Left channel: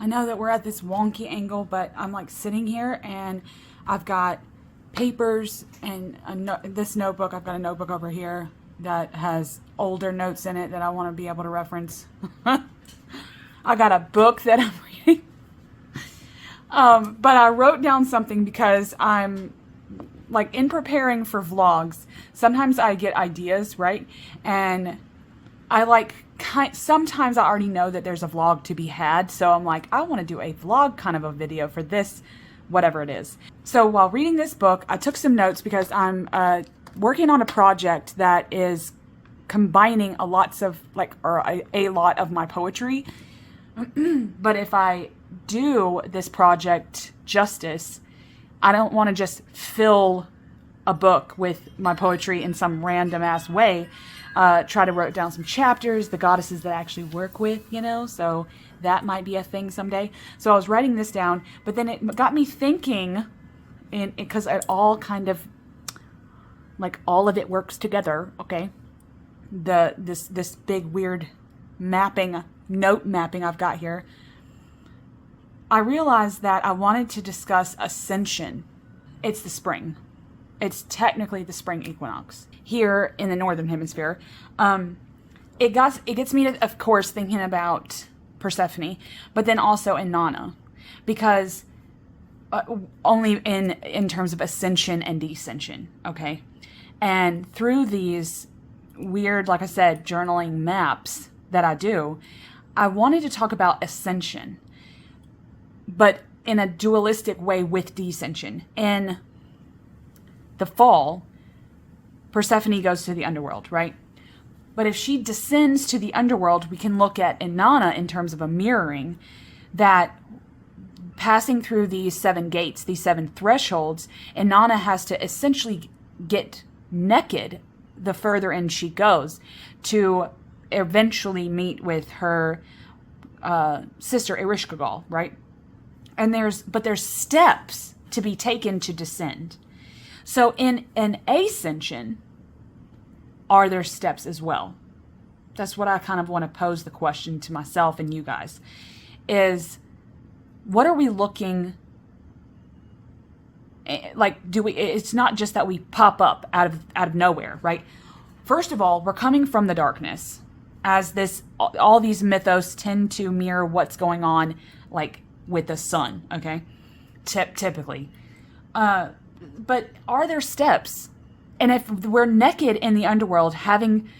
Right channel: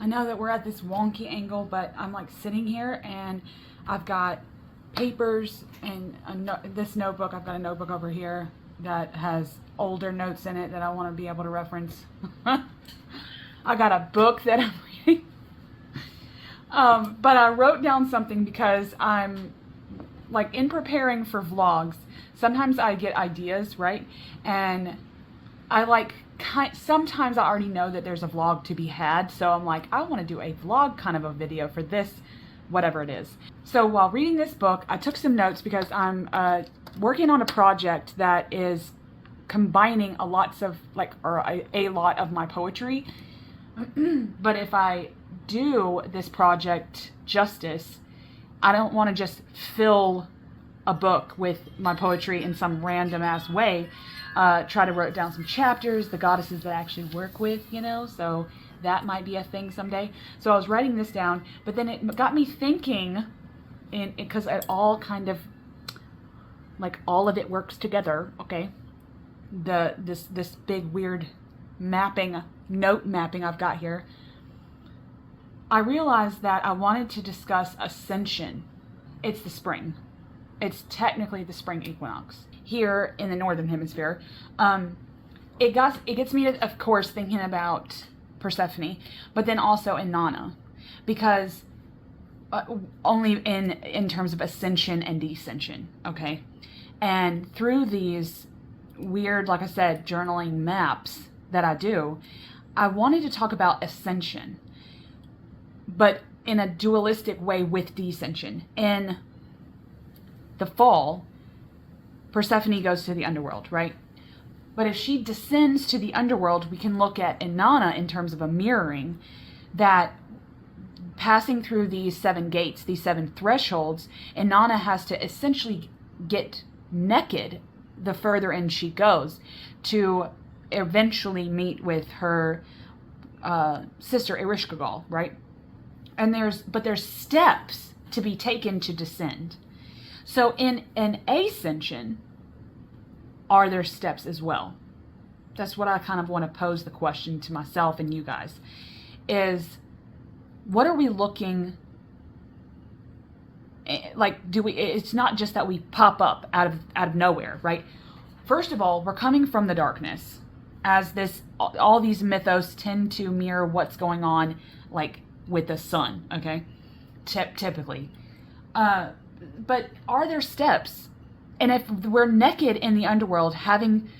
I know that we're at this wonky angle, but I'm like sitting here and I've got papers and this notebook. I've got a notebook over here that has older notes in it that I want to be able to reference. I got a book that I'm reading. But I wrote down something because I'm like in preparing for vlogs. Sometimes I get ideas, right? And I like sometimes I already know that there's a vlog to be had, so I'm like, I want to do a vlog kind of a video for this, whatever it is. So while reading this book, I took some notes because I'm working on a project that is combining a lot of my poetry. But if I do this project justice, I don't want to just fill a book with my poetry in some random ass way. Try to write down some chapters, the goddesses that I actually work with, so that might be a thing someday. So I was writing this down, but then it got me thinking, because it all kind of, like, all of it works together, okay? This big weird note mapping I've got here. I realized that I wanted to discuss ascension. It's the spring. It's technically the spring equinox here in the northern hemisphere. It gets me to, of course, thinking about Persephone, but then also Inanna, because only in terms of ascension and descension, okay? And through these weird, like I said, journaling maps that I do, I wanted to talk about ascension, but in a dualistic way with descension. In the fall, Persephone goes to the underworld, right? But if she descends to the underworld, we can look at Inanna in terms of a mirroring, that passing through these 7 gates, these 7 thresholds, Inanna has to essentially get naked the further in she goes to eventually meet with her sister Erishkigal, right? And there's steps to be taken to descend. So in an ascension, are there steps as well? That's what I kind of want to pose the question to myself and you guys, is what are we looking, like, it's not just that we pop up out of nowhere, right? First of all, we're coming from the darkness, as all these mythos tend to mirror what's going on, like, with the sun, okay? Typically. But are there steps? And if we're naked in the underworld, having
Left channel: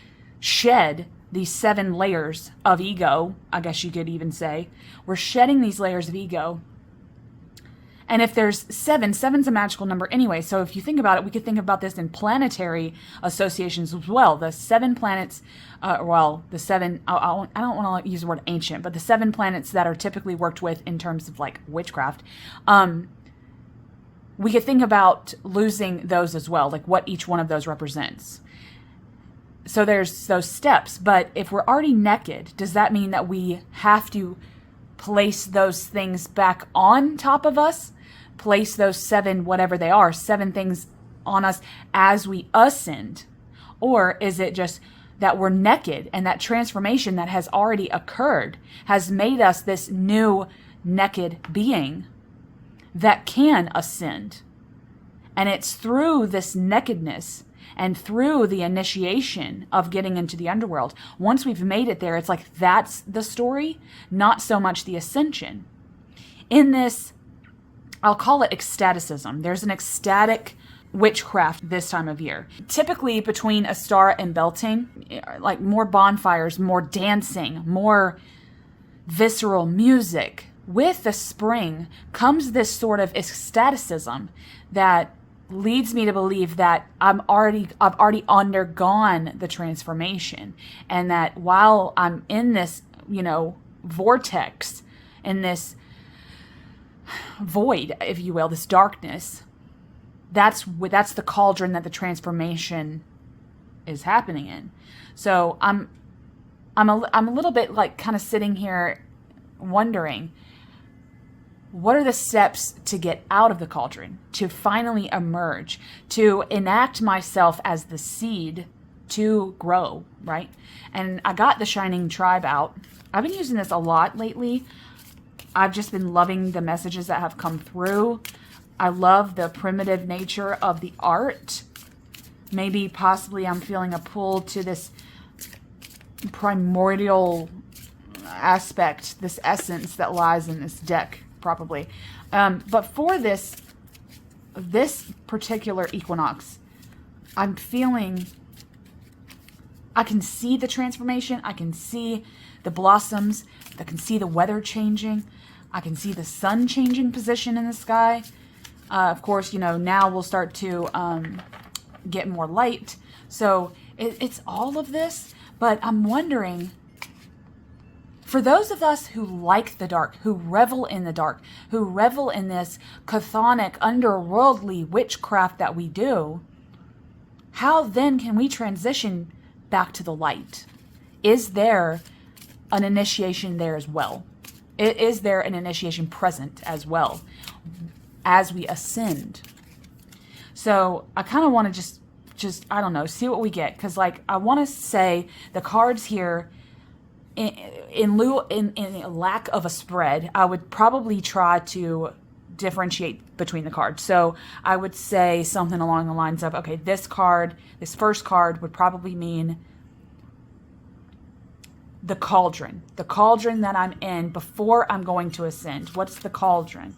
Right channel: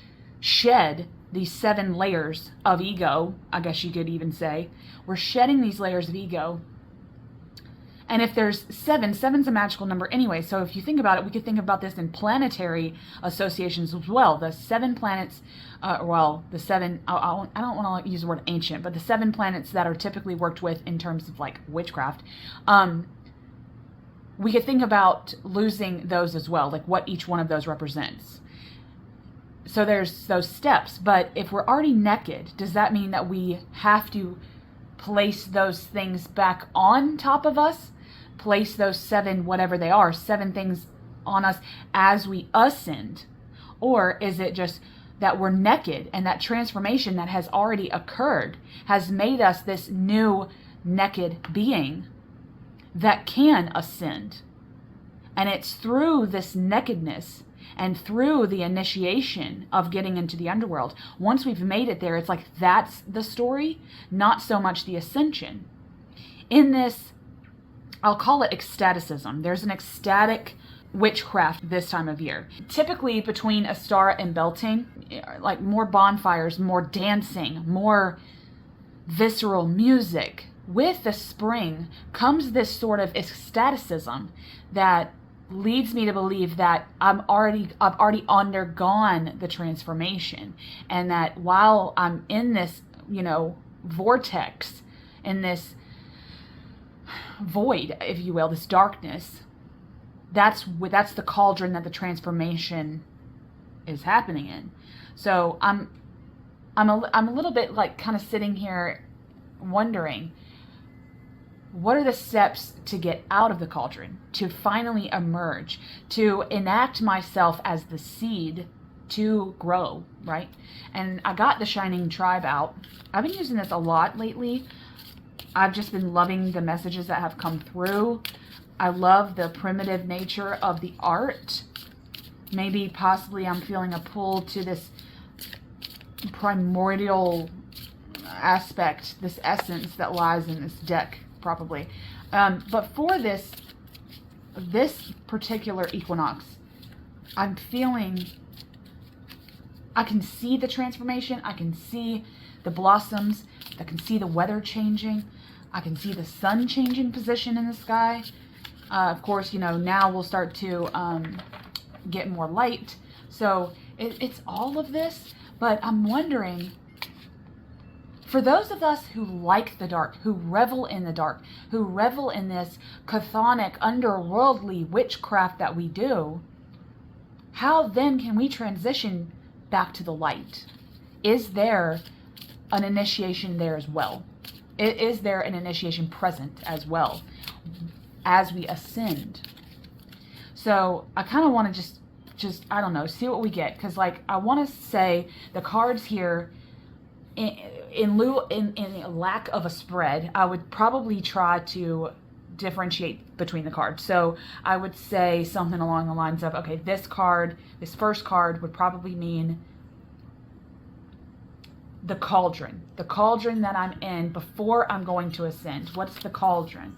shed these 7 layers of ego, I guess you could even say, we're shedding these layers of ego. And if there's 7's a magical number anyway. So if you think about it, we could think about this in planetary associations as well. The 7 planets, the 7, I don't want to use the word ancient, but the 7 planets that are typically worked with in terms of like witchcraft, we could think about losing those as well, like what each one of those represents. So there's those steps, but if we're already naked, does that mean that we have to place those things back on top of us? Place those 7, whatever they are, 7 things on us as we ascend? Or is it just that we're naked and that transformation that has already occurred has made us this new naked being that can ascend? And it's through this nakedness and through the initiation of getting into the underworld, once we've made it there, it's like that's the story, not so much the ascension. In this, I'll call it ecstaticism. There's an ecstatic witchcraft this time of year. Typically between Astara and Beltane, like more bonfires, more dancing, more visceral music. With the spring comes this sort of ecstaticism that leads me to believe that I've already undergone the transformation, and that while I'm in this, vortex, in this void, if you will, this darkness, that's the cauldron that the transformation is happening in. So I'm a little bit like kind of sitting here wondering, what are the steps to get out of the cauldron, to finally emerge, to enact myself as the seed to grow, right? And I got the Shining Tribe out. I've been using this a lot lately. I've just been loving the messages that have come through. I love the primitive nature of the art. Maybe possibly I'm feeling a pull to this primordial aspect, this essence that lies in this deck, probably. But for this particular equinox, I'm feeling, I can see the transformation. I can see the blossoms. I can see the weather changing. I can see the sun changing position in the sky. Of course, you know, now we'll start to get more light. So it's all of this, but I'm wondering, for those of us who like the dark, who revel in the dark, who revel in this chthonic, underworldly witchcraft that we do, how then can we transition back to the light? Is there an initiation there as well? Is there an initiation present as well as we ascend? So I kind of want to just I don't know, see what we get, because like I want to say the cards here, in lack of a spread, I would probably try to differentiate between the cards. So I would say something along the lines of, okay, this first card would probably mean the cauldron that I'm in before I'm going to ascend. What's the cauldron?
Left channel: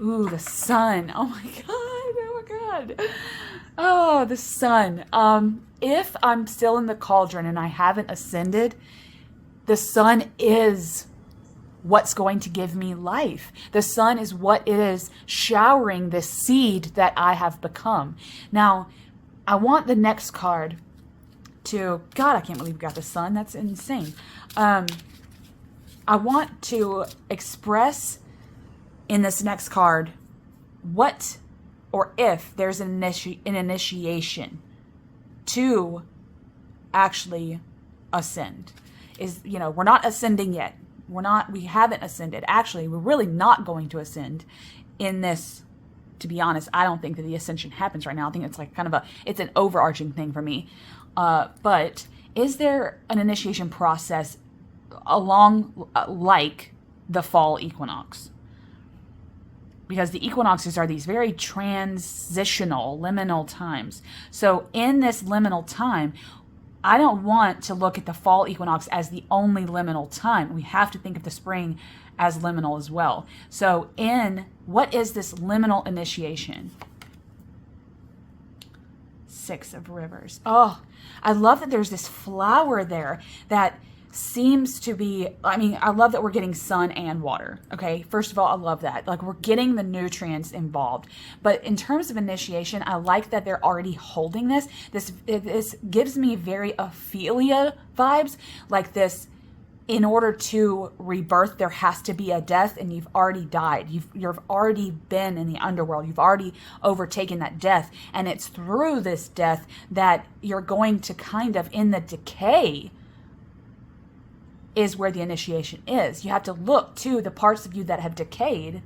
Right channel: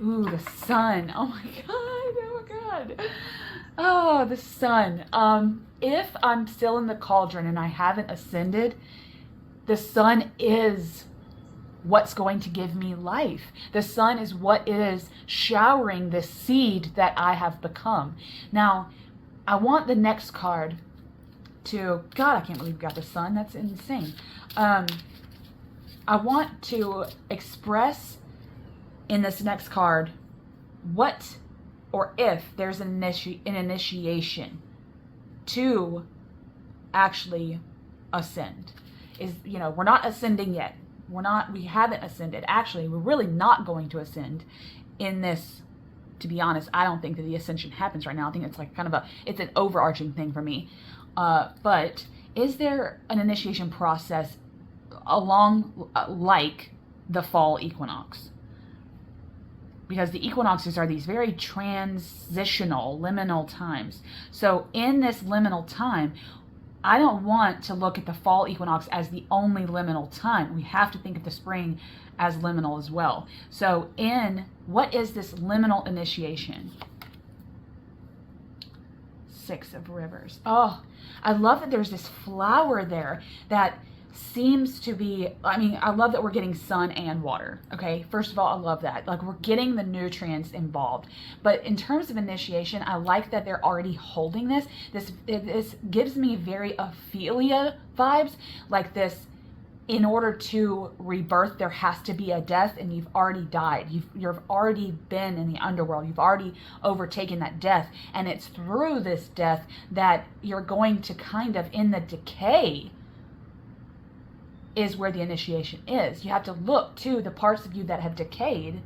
Ooh, the sun. Oh my God. Oh my God. Oh, the sun. If I'm still in the cauldron and I haven't ascended, the sun is what's going to give me life. The sun is what is showering the seed that I have become. Now, I want the next card to, God, I can't believe we got the sun. That's insane. I want to express in this next card what or if there's an initiation to actually ascend. Is, you know, we're not ascending yet. We haven't ascended. Actually, we're really not going to ascend in this. To be honest, I don't think that the ascension happens right now. I think it's like kind of it's an overarching thing for me. But is there an initiation process along like the fall equinox? Because the equinoxes are these very transitional, liminal times. So in this liminal time, I don't want to look at the fall equinox as the only liminal time. We have to think of the spring as liminal as well. So what is this liminal initiation? Six of Rivers. Oh, I love that there's this flower there that seems to be, I mean, I love that we're getting sun and water. Okay, first of all, I love that. Like, we're getting the nutrients involved. But in terms of initiation, I like that they're already holding this. This gives me very Ophelia vibes, like this. In order to rebirth, there has to be a death, and you've already died. You've already been in the underworld. You've already overtaken that death, and it's through this death that you're going to kind of, in the decay, is where the initiation is. You have to look to the parts of you that have decayed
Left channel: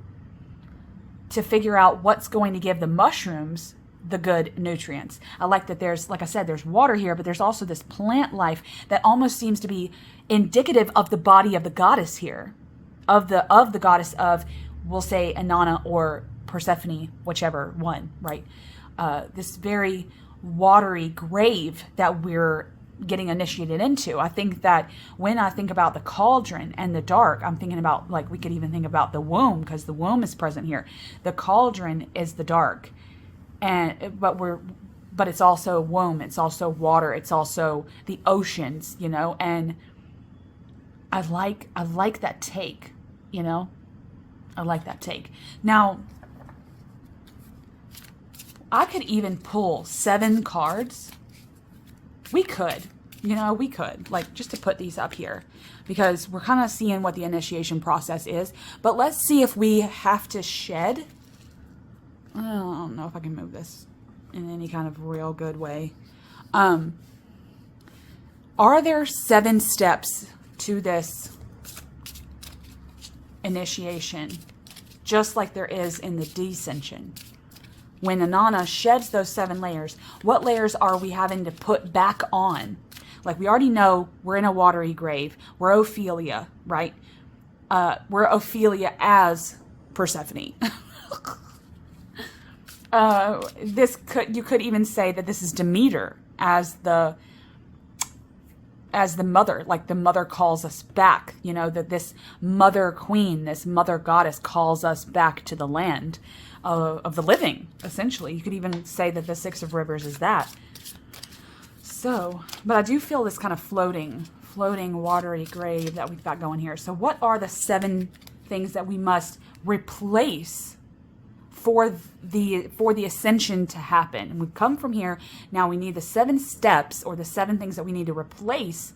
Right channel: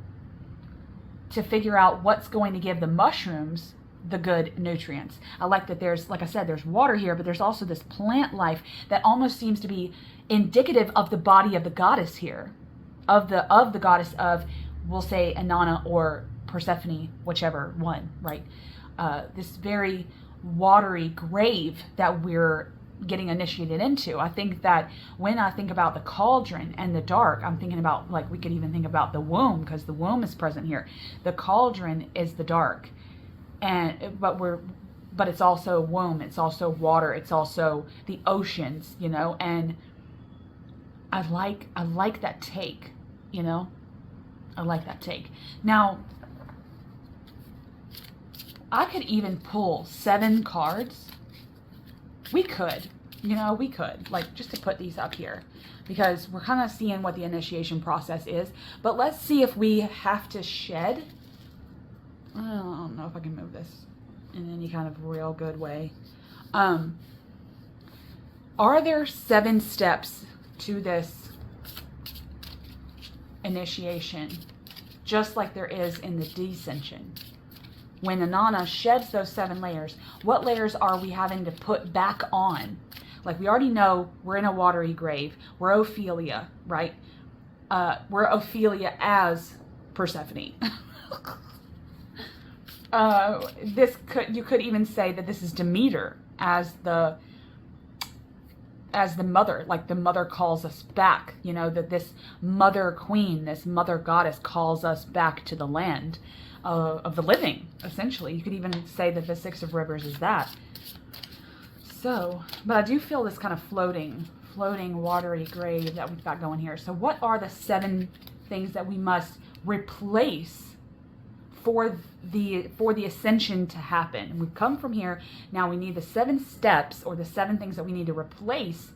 to figure out what's going to give the mushrooms the good nutrients. I like that there's, like I said, there's water here, but there's also this plant life that almost seems to be indicative of the body of the goddess here, of the goddess of, we'll say, Inanna or Persephone, whichever one, right? This very watery grave that we're getting initiated into. I think that when I think about the cauldron and the dark, I'm thinking about, like, we could even think about the womb, because the womb is present here. The cauldron is the dark, but it's also womb, it's also water, it's also the oceans, you know. And I like that take, you know. I like that take. Now, I could even pull 7 cards. We could, you know, like, just to put these up here, because we're kind of seeing what the initiation process is. But let's see if we have to shed. I don't know if I can move this in any kind of real good way. Are there 7 steps to this initiation, just like there is in the descension? When Inanna sheds those 7 layers, what layers are we having to put back on? Like, we already know we're in a watery grave. We're Ophelia, right? we're Ophelia as Persephone. You could even say that this is Demeter as the mother, like the mother calls us back, that this mother queen, this mother goddess calls us back to the land of the living, essentially. You could even say that the Six of Rivers is that. So, but I do feel this kind of floating, watery grave that we've got going here. So what are the 7 things that we must replace for the ascension to happen? We've come from here. Now we need the 7 steps, or the 7 things that we need to replace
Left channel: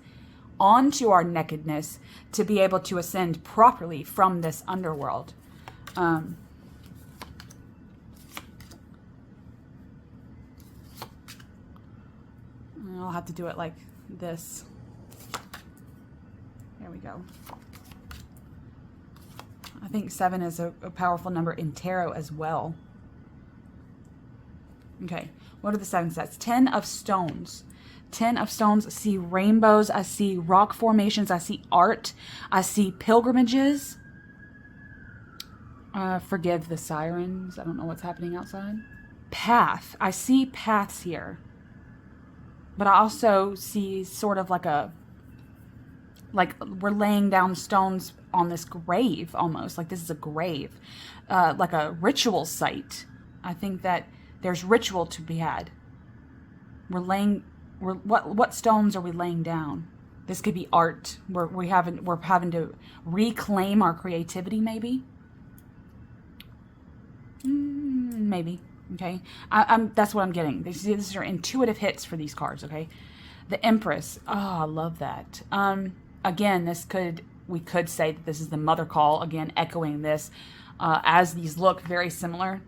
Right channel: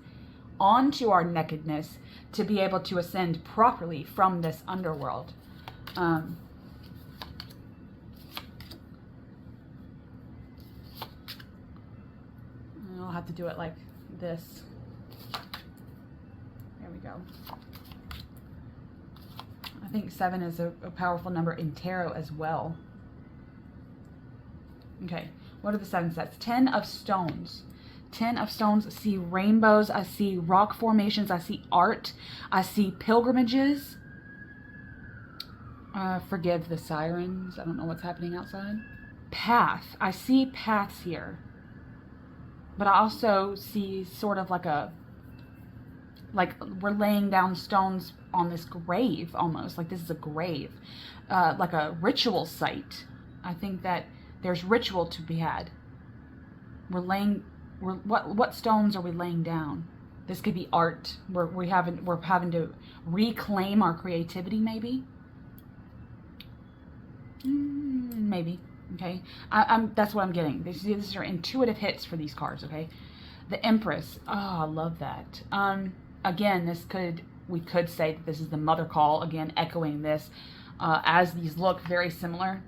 onto our nakedness to be able to ascend properly from this underworld. I'll have to do it like this. There we go. I think 7 is a powerful number in tarot as well. Okay, what are the 7 sets? 10 of stones. 10 of stones. I see rainbows. I see rock formations. I see art. I see pilgrimages. Forgive the sirens. I don't know what's happening outside. Path. I see paths here. But I also see sort of like we're laying down stones on this grave, almost like this is a grave, like a ritual site. I think that there's ritual to be had. What stones are we laying down? This could be art. We're having to reclaim our creativity, maybe. Maybe. Okay, that's what I'm getting. These are intuitive hits for these cards. Okay, the Empress. Oh, I love that. Again, we could say that this is the mother call. Again, echoing this, as these look very similar,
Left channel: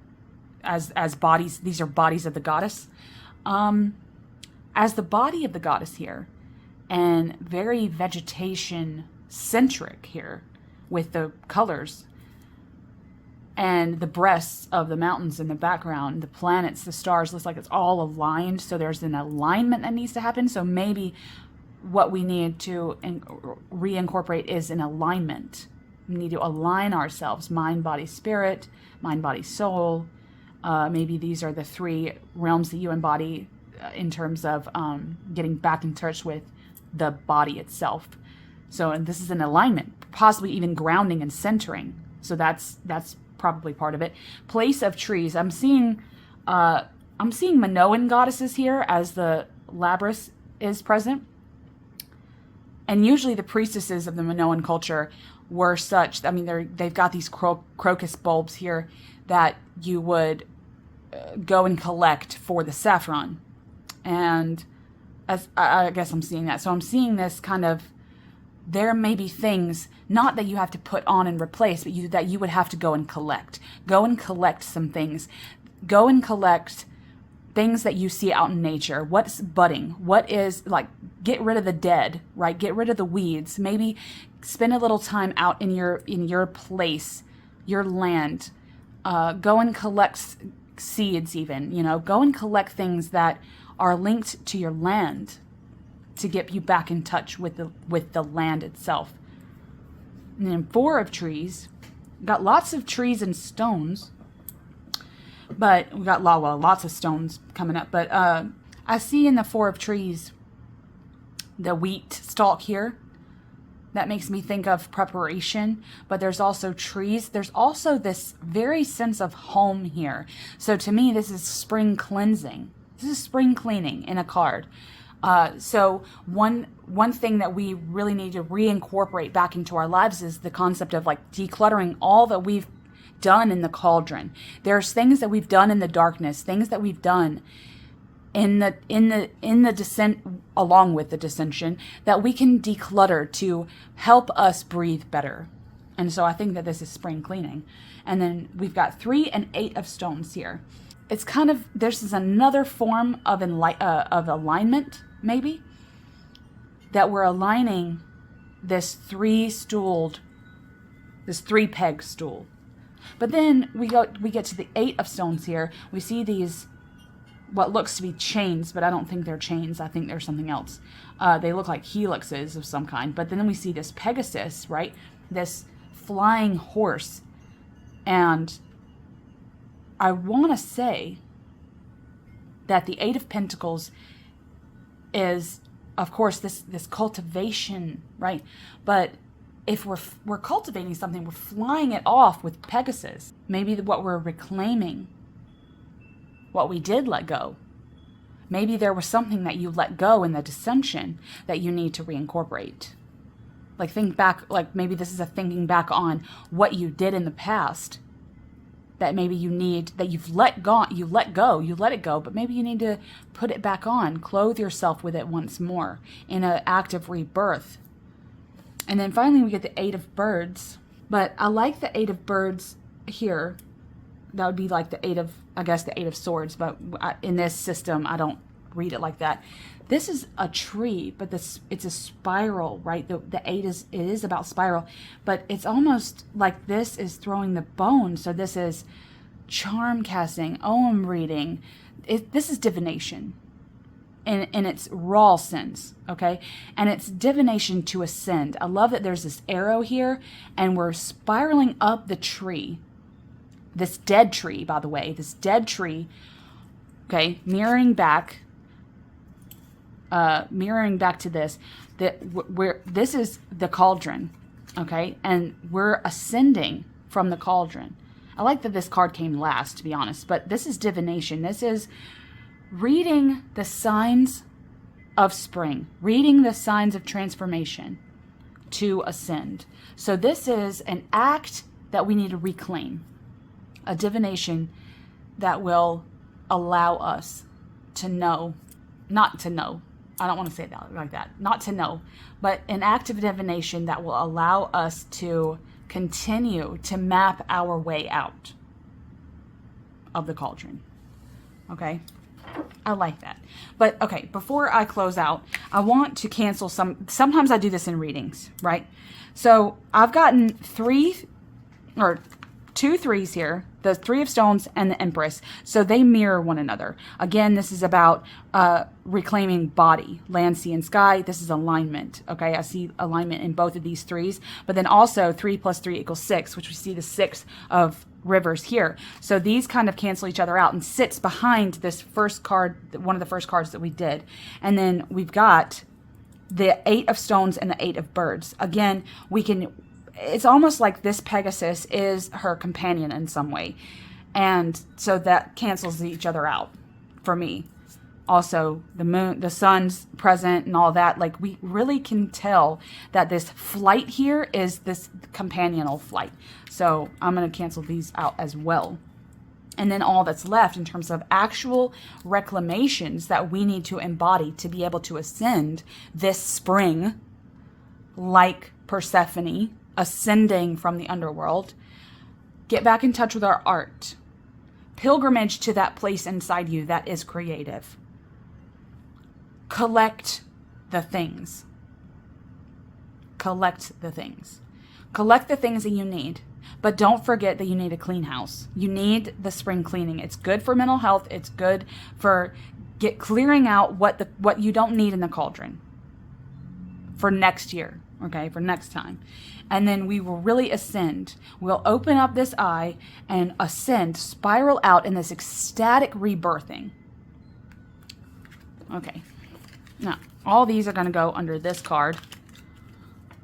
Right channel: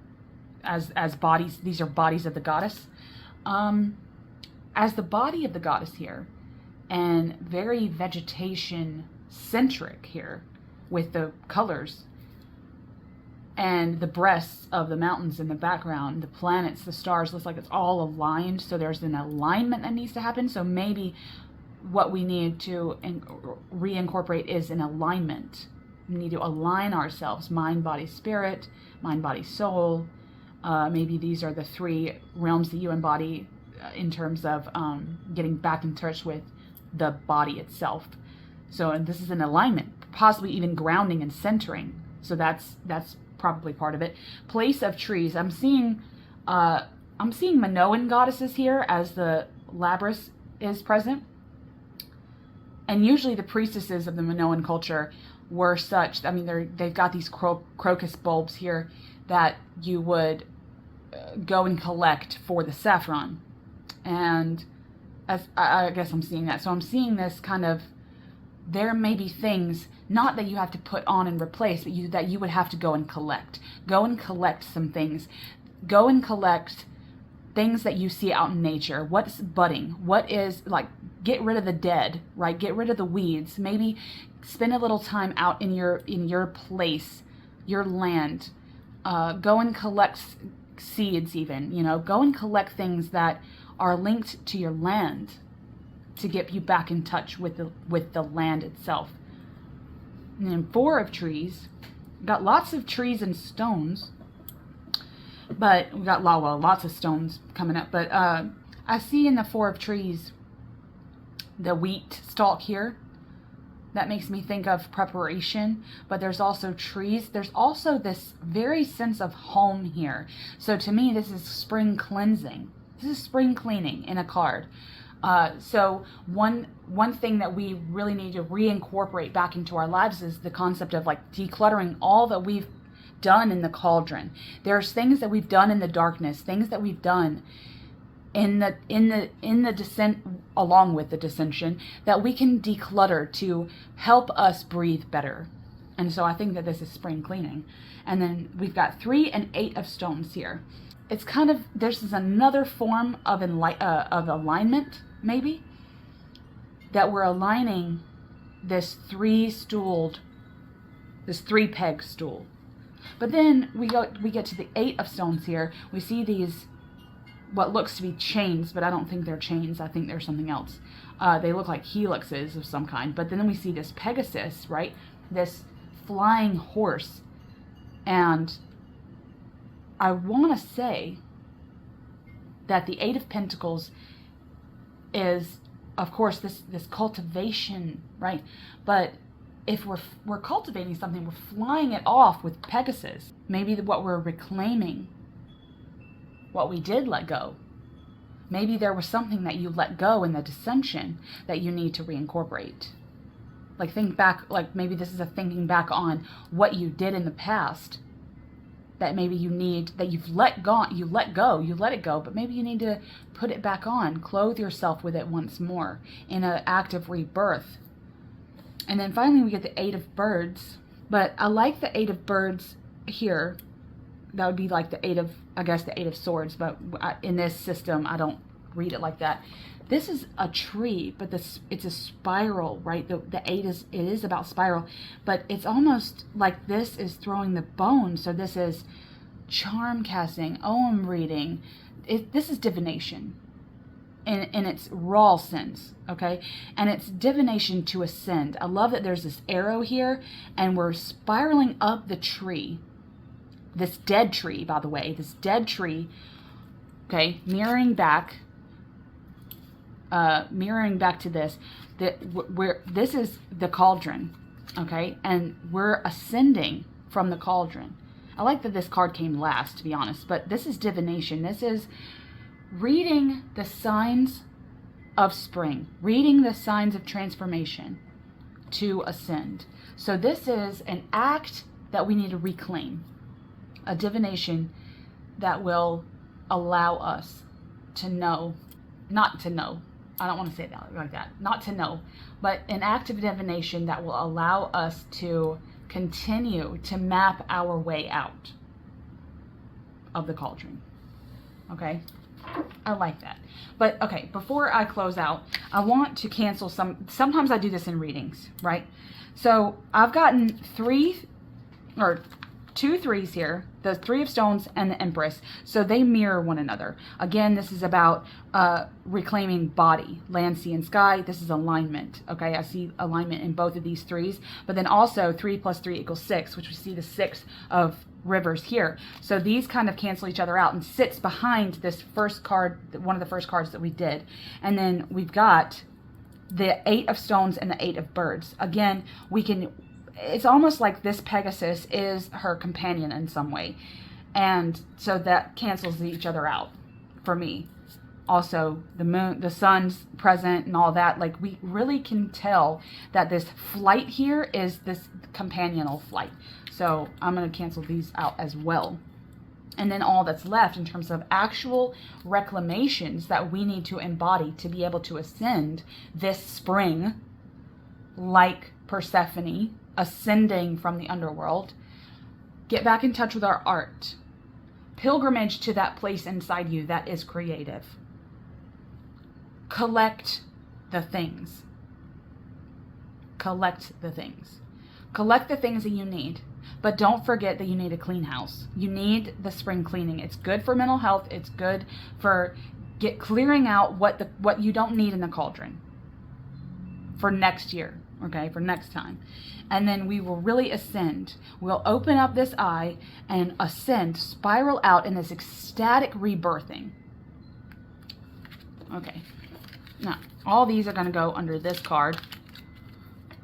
as bodies. These are bodies of the goddess. As the body of the goddess here, and very vegetation centric here, with the colors. And the breasts of the mountains in the background, the planets, the stars, looks like it's all aligned. So there's an alignment that needs to happen. So maybe what we need to reincorporate is an alignment. We need to align ourselves, mind, body, spirit, mind, body, soul. Maybe these are the 3 realms that you embody in terms of getting back in touch with the body itself. So, and this is an alignment, possibly even grounding and centering. So that's probably part of it. Place of trees. I'm seeing Minoan goddesses here as the Labrys is present. And usually the priestesses of the Minoan culture were such, I mean, they've got these crocus bulbs here that you would go and collect for the saffron. And as I guess I'm seeing that. So I'm seeing this kind of, there may be things, not that you have to put on and replace, but that you would have to go and collect. Go and collect some things. Go and collect things that you see out in nature. What's budding? What is, like, get rid of the dead, right? Get rid of the weeds. Maybe spend a little time out in your place, your land. Go and collect seeds even, Go and collect things that are linked to your land, to get you back in touch with the land itself. And then 4 of trees. Got lots of trees and stones, but we got lots of stones coming up. But I see in the 4 of trees the wheat stalk here. That makes me think of preparation, but there's also trees. There's also this very sense of home here. So to me, this is spring cleansing. This is spring cleaning in a card. So one thing that we really need to reincorporate back into our lives is the concept of like decluttering all that we've done in the cauldron. There's things that we've done in the darkness, things that we've done in the descent, along with the dissension, that we can declutter to help us breathe better. And so I think that this is spring cleaning. And then we've got 3 and 8 of stones here. It's kind of, this is another form of alignment, maybe, that we're aligning this 3-peg stool. But then we get to the 8 of stones here. We see these, what looks to be chains, but I don't think they're chains. I think they're something else. They look like helixes of some kind. But then we see this Pegasus, right? This flying horse. And I want to say that the Eight of Pentacles is, of course, this cultivation, right? But if we're cultivating something, we're flying it off with Pegasus. Maybe what we're reclaiming, what we did let go. Maybe there was something that you let go in the dissension that you need to reincorporate. Like think back, like maybe this is a thinking back on what you did in the past that maybe you need, that you've let go, you let it go, but maybe you need to put it back on, clothe yourself with it once more in an act of rebirth. And then finally we get the Eight of Birds, but I like the Eight of Birds here. That would be like the Eight of, I guess the Eight of Swords, but in this system, I don't read it like that. This is a tree, but it's a spiral, right? The eight it is about spiral, but it's almost like this is throwing the bone. So this is charm casting, Om reading. This is divination in its raw sense, okay? And it's divination to ascend. I love that there's this arrow here, and we're spiraling up the tree. This dead tree, by the way, this dead tree, okay, mirroring back to this, this is the cauldron, okay, and we're ascending from the cauldron. I like that this card came last, to be honest, but this is divination. This is reading the signs of spring, reading the signs of transformation to ascend. So this is an act that we need to reclaim, a divination that will allow us to know, not to know. I don't want to say that like that. Not to know, but an act of divination that will allow us to continue to map our way out of the cauldron. Okay? I like that. But okay, before I close out, I want to cancel sometimes I do this in readings, right? So I've gotten two threes here, the Three of Stones and the Empress. So they mirror one another. Again, this is about reclaiming body, land, sea, and sky. This is alignment. Okay, I see alignment in both of these threes. But then also 3 + 3 = 6, which we see the 6 of rivers here. So these kind of cancel each other out and sits behind this first card, one of the first cards that we did. And then we've got the 8 of Stones and the 8 of Birds. Again, it's almost like this Pegasus is her companion in some way. And so that cancels each other out for me. Also, the moon, the sun's present and all that. Like, we really can tell that this flight here is this companional flight. So I'm going to cancel these out as well. And then all that's left in terms of actual reclamations that we need to embody to be able to ascend this spring, like Persephone, ascending from the underworld. Get back in touch with our art. Pilgrimage to that place inside you that is creative. Collect the things. Collect the things. Collect the things that you need. But don't forget that you need a clean house. You need the spring cleaning. It's good for mental health. It's good for clearing out what you don't need in the cauldron for next year, okay, for next time. And then we will really ascend. We'll open up this eye and ascend, spiral out in this ecstatic rebirthing. Okay. Now, all these are going to go under this card,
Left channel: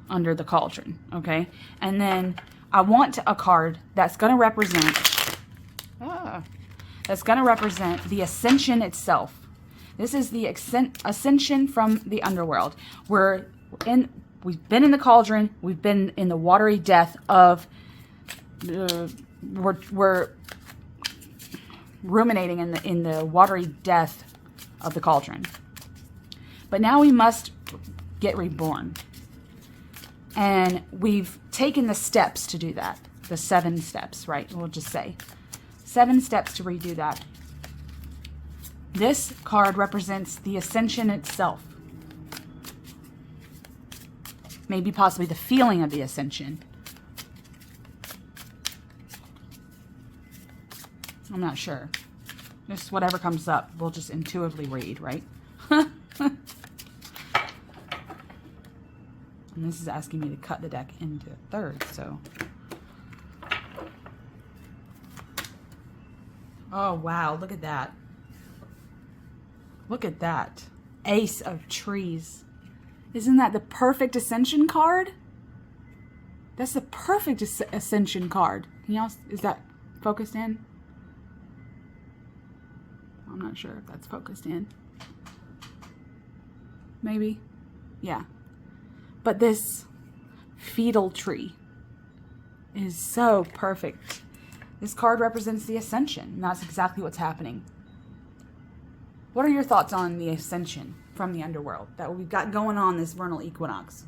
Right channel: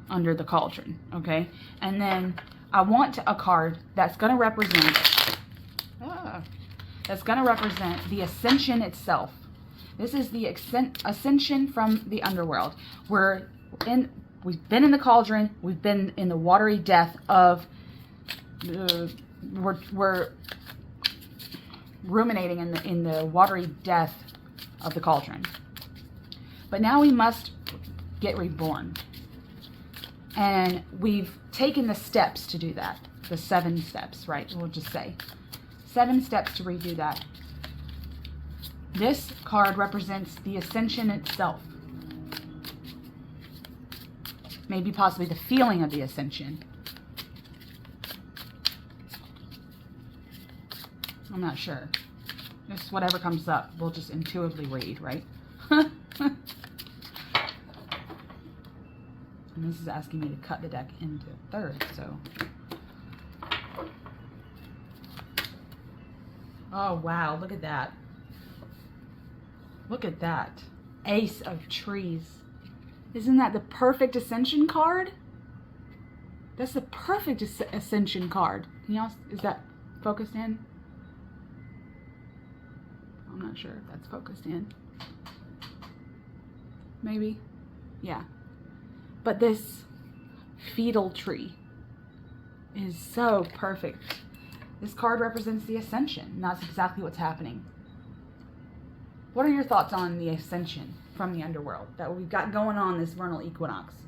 under the cauldron, okay? And then I want a card that's going to represent the ascension itself. This is the ascension from the underworld. We've been in the cauldron. We've been in the watery death of. We're ruminating in the watery death of the cauldron. But now we must get reborn, and we've taken the steps to do that. The 7 steps, right? We'll just say 7 steps to redo that. This card represents the ascension itself. Maybe possibly the feeling of the ascension. I'm not sure. Just whatever comes up, we'll just intuitively read, right? And And this is asking me to cut the deck into thirds, so. Oh, wow, look at that. Look at that. Ace of Trees. Isn't that the perfect Ascension card? That's the perfect Ascension card. Can y'all, is that focused in? I'm not sure if that's focused in. Maybe. Yeah. But this fetal tree is so perfect. This card represents the Ascension, and that's exactly what's happening. What are your thoughts on the Ascension from the underworld that we've got going on this vernal equinox?